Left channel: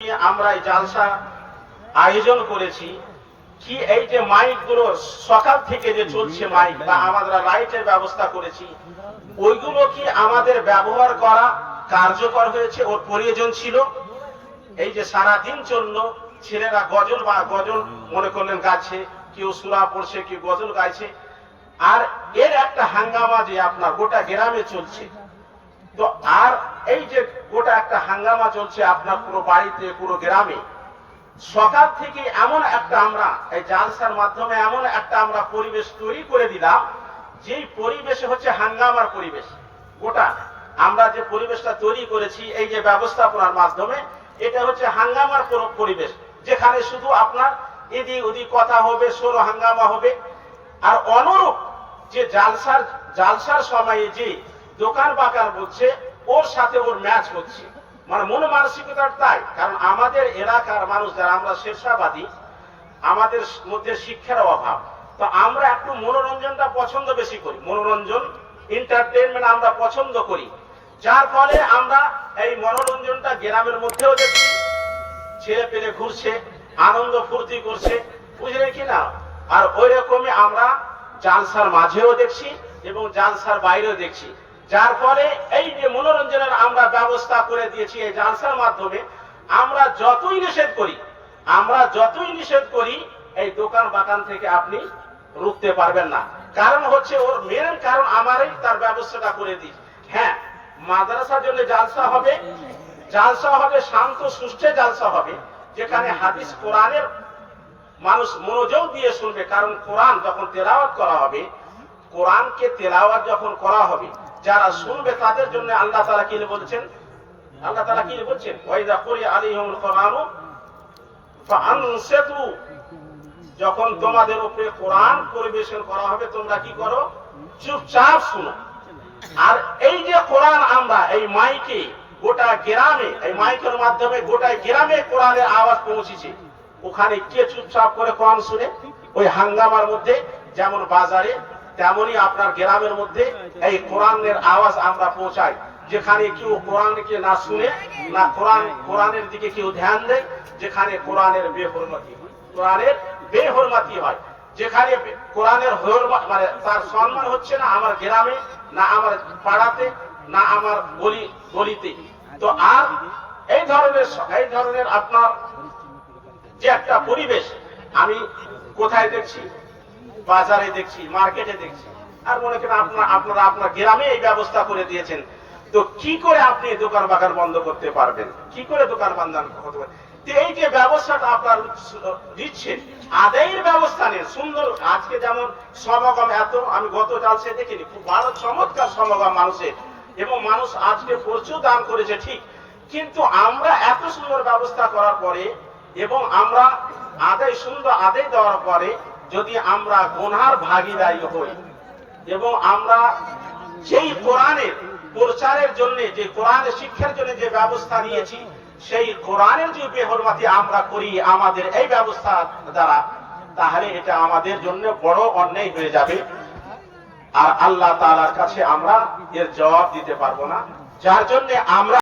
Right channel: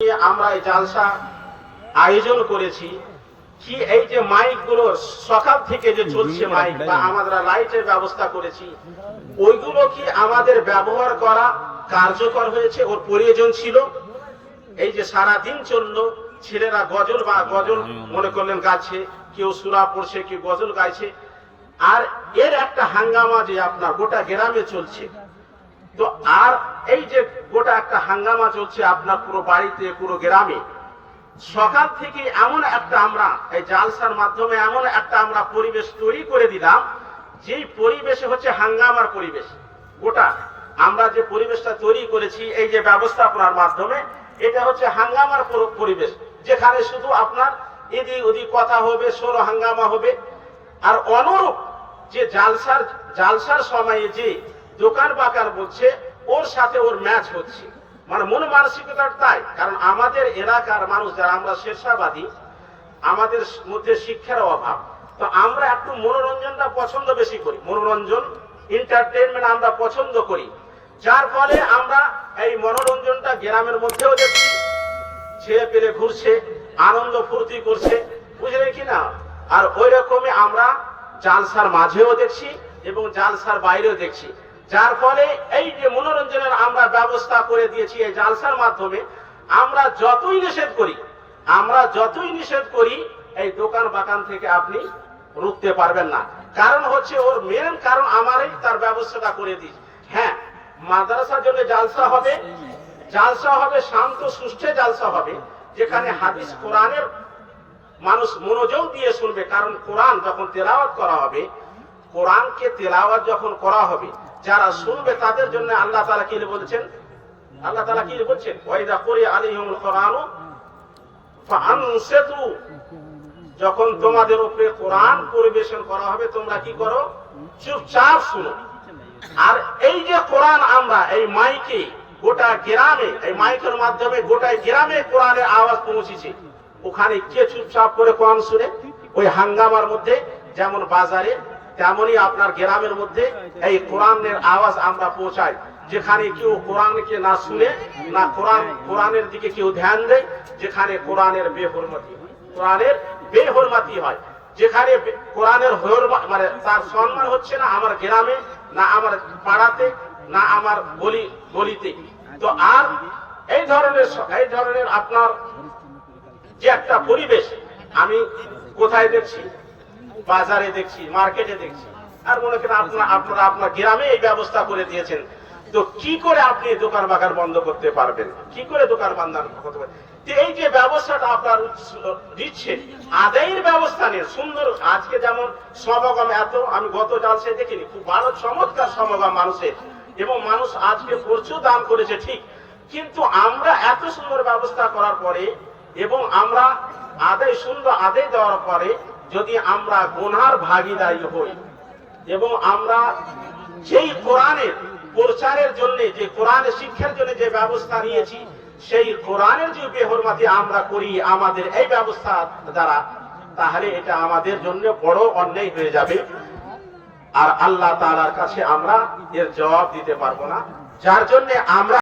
আমরা এই জালসা আয়োজন করেছি কি এই যে মাইক গুলো সকাল থেকে যে চলছে মাইক বা আমরা লাইটের ব্যবস্থা করেছি ওইগুলো কি আমাদের ব্যবহার করা কার্যকর হয়েছে ওর প্রয়োজন ছিল? এই যে সারা দিন চললো, ছেলেরা গজল বা গজল মনে করলেন গাইছে, কেউ সূরা পড়ছে, কেউ গজল গাইছে, আর এর একটা হাঙ্গামা যে আপনার গোটা গ্রামে চলছে। তো আর এই যে গোটা একটা হাঙ্গামা চলছে আপনার পুরো বাড়িতে, পুরো গ্রামে, সকাল থেকে এমন একটা আমরা এই জালসার মাধ্যমে এমন একটা আমরা পরিবেশ তৈরি করে দিলাম, যেই পরিবেশে হচ্ছে হাঙ্গামার পরিবেশ। গোটা আমরা যে পরিবেশটা তৈরি করেছি এই যে ব্যবস্থাপনার মাধ্যমে, এটা হচ্ছে হাঙ্গামার পরিবেশ, যেখানে শুধু আপনার এদিক ওদিক কথা হবে, সরো হাঙ্গামা হবে। আর অনুরূপ যে জালসার সময়ে যে দোকান বাকার বলছে, ওর সাথে ওর ম্যাচ হচ্ছে, মানে মন মানসিকতা তাই। কারণ আমাদের এলাকার মানুষ যারা আমরা শেরশাবাদী, আমাদের মধ্যে শিক্ষার অভাব, তো আমরা একটু মনোরঞ্জনটা পছন্দ বেশি করি, মনোরঞ্জন এন্টারটেইনমেন্ট আমরা পছন্দ করি, যার ফলে আমরা এই মনোরঞ্জনটা গ্রামের মধ্যেও দেখছি, ছেলে পেলে ঘুরছে, আনন্দ ফুর্তি করছে, বুঝলেন কিনা। আর ওই রকমই আমরা জালসার মাঝেও দেখছি এবং জালসার বাইরেও দেখছি, যার ফলে এই যে মনোরঞ্জনের আমরা ব্যবস্থা করে দিয়েছি এই জালসার মাধ্যমে। আমরা যতই নিষেধ করি এই দোকান বাগান থেকে আপনি রুখতে পারবেন না। কারণ হচ্ছে ওর মেন কারণ আমারই তার ব্যবস্থাটা করে দিই। হ্যাঁ, মাদ্রাসার জন্য জালসা হবে শান্ত সুষ্ঠে জালসা হবে, যেখানে হাদিস কোরআনের মানুষ মনোযোগ দিয়ে শুনবে। কারণ কোরআন যখন তেলাওয়াত করা হবে, কোরআনকে তেলাওয়াত যখন করা হবে, যারা শুনবে তাদের জন্য আল্লাহ তাআলা কি বলছেন? ওয়াইদা কুরিয়া আলাইহিমুল কুরআনু ফাআনসিতু, যখন তোমাদের উপরে কোরআন পরিবেশন করা হবে তোমরা কি করো? চুপচাপ শুনো। আর এই যে কোরআন আমরা এই মাইকে গোটা গ্রামে, এই মাইকের মাধ্যমে গোটা গ্রামে কোরআনের আওয়াজ পৌঁছেছে, ওখানে কে চুপচাপ করে কোরআন শুনে? ওই হাঙ্গামার মধ্যে যেমন বাজারে, তেমনি আপনার গ্রামের মধ্যে এই কোরআনের আওয়াজ আমরা পৌঁছাই, যেখানে কেউ কোরআনকে না শুনে, না কোরআনের দিকে কেউ ধ্যান দেয়, যেখানে কোরআনের বেহরমাতি হয়, যেখানে কোরআনের মানে তার সম্মান হচ্ছে না আমার গ্রামে, না আমার পাড়াতে, না আমার গলিতে। তো আর এই ধরনের আপনার যে একটা পরিবেশ আমি কোথায় দেখছি? বাজারে দেখছি, মার্কেটে দেখছি। আর মনে করেন আপনারা আপনার গ্রামে এই ব্যবস্থা করে দিয়েছেন, তো কি করে আপনি দোকান বাগান বন্ধ করতে পারবেন? কি করে দোকান বন্ধ করতে পারবেন? এই যে ব্যবস্থাটা আপনার দিচ্ছেন, আদায়ের ব্যবস্থা নেই সুন্দর। আজকে যেমন সমাগম এত, আমি গত জালসে দেখিনি, খুব ভালো চমৎকার সমাগম মানুষের, এবং মানুষ আজকে প্রচুর দান করেছে, ঠিক। কিন্তু আমরা এত সুন্দর ব্যবস্থা করার পরে এবং আমরা সুন্দর আদায় দেওয়ার পরে যদি আমরা গুনার ভাগীদারি হই, এবং আমরা যেই কোরআনের প্রচারের জন্য, যে কোরআনের শিক্ষার জন্য যে ব্যবস্থা নিয়েছি, সেই কোরআনের যে বেহরমাতি আমরা করি আমাদের এই ব্যবস্থা দ্বারা, তাহলে এটা আমাদের জন্য বড় অন্যায় হয়ে যাবে। আর আল্লাহ তাআলার কাছে আমরা এর জবাব দিতে পারবো না, যার জন্য আমরা